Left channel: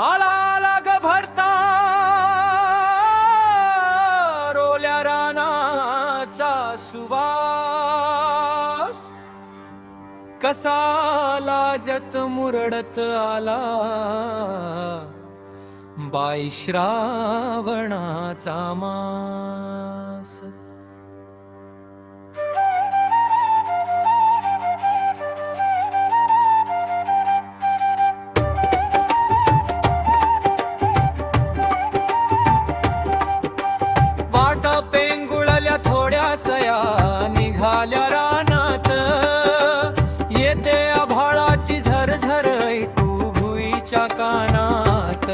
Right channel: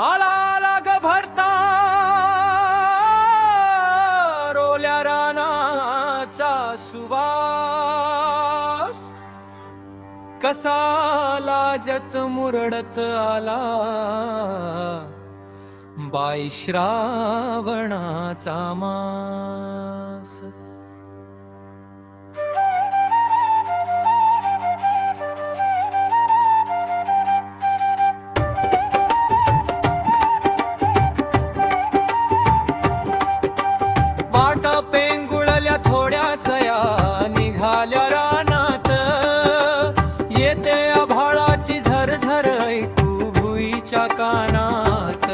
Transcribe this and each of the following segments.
आला आला ग भरता रोल्या रानाचा सुवास, कसा लाजत मुरडत आला बाई श्रावणाचा मास। वाटा पेंगुळल्या थोड्या सया निघाल्या रानात, येते आभाळाची झरझर ऐकू भुईच्या कानात।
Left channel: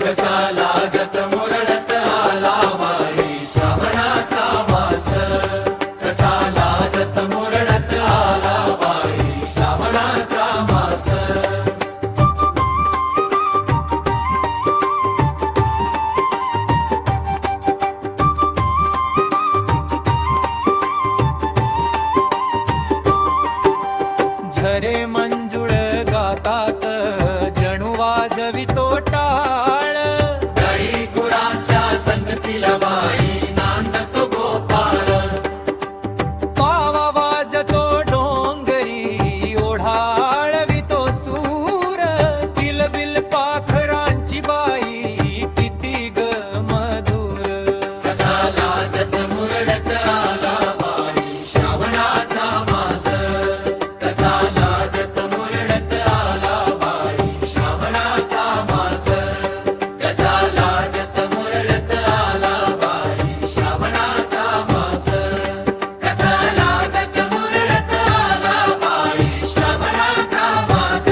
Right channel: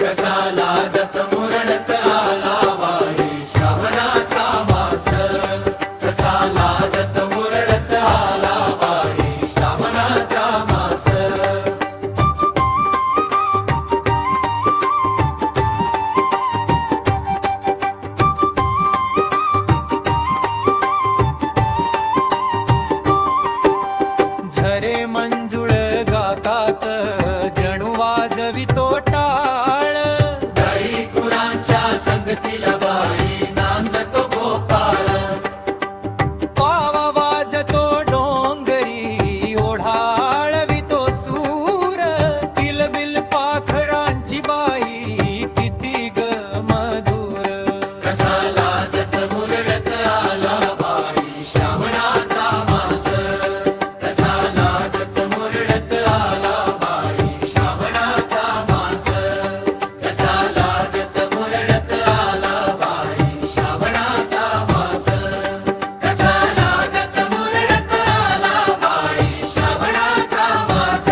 कसा लाजत मुरडत आला बाई श्रावणाचा मास, कसा लाजत मुरडत आला बाई श्रावणाचा मास। झरे मंजुळ गातात जणू वाजवितो टाळ, गाई गुरांच्या संगतीला बाई नांदतो गोपाळ। पावा वाजतो डोंगरी ओढाळवितो सूर, किलबिल पाखरांची बाई किती ग मधुर। कसा लाजत मुरडत आला बाई श्रावणाचा मास, कसा लाजत मुरडत आला बाई श्रावणाचा मास, कसा लाजत मुरडत आला बाई श्रावणाचा मास, कसा लाजत मुरडत आला बाई श्रावणाचा मास।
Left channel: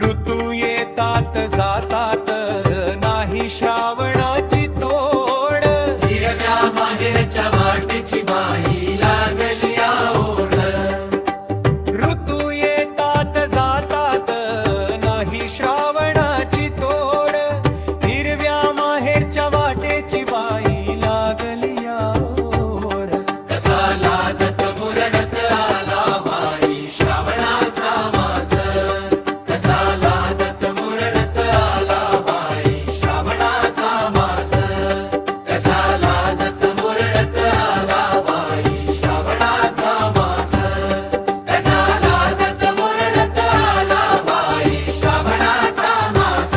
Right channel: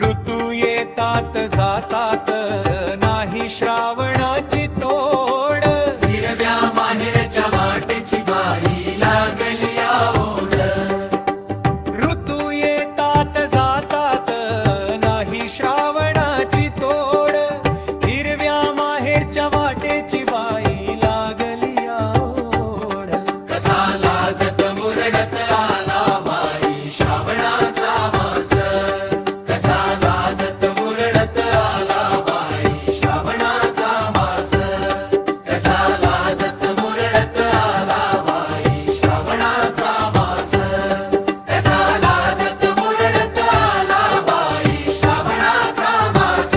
ऋतू येतात जातात नाही श्रावणाची तोड, हिरव्या माहेरच्या वाटेची बाई लागली ओढ। ऋतू येतात जातात नाही श्रावणाची तोड, हिरव्या माहेरच्या वाटेची बाई लागली ओढ। कसा लाजत मुरडत आला बाई श्रावणाचा मास, कसा लाजत मुरडत आला बाई श्रावणाचा मास, कसा लाजत मुरडत आला बाई श्रावणाचा मास, कसा लाजत मुरडत आला बाई श्रावणाचा मास।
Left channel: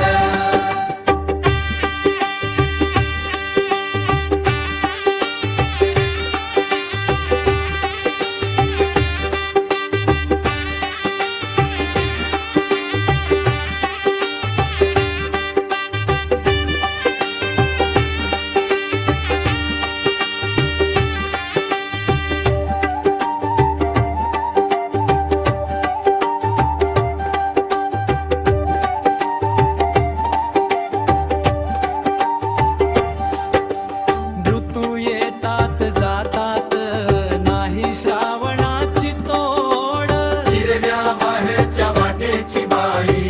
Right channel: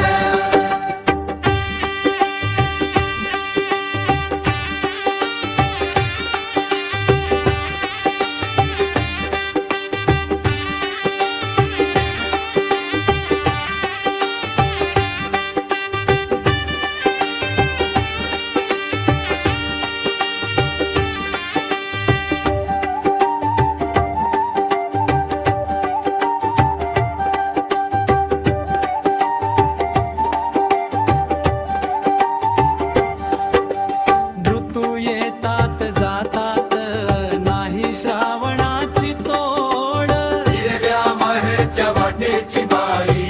ऋतू येतात जातात नाही श्रावणाची तोड, हिरव्या माहेरच्या वाटेची बाई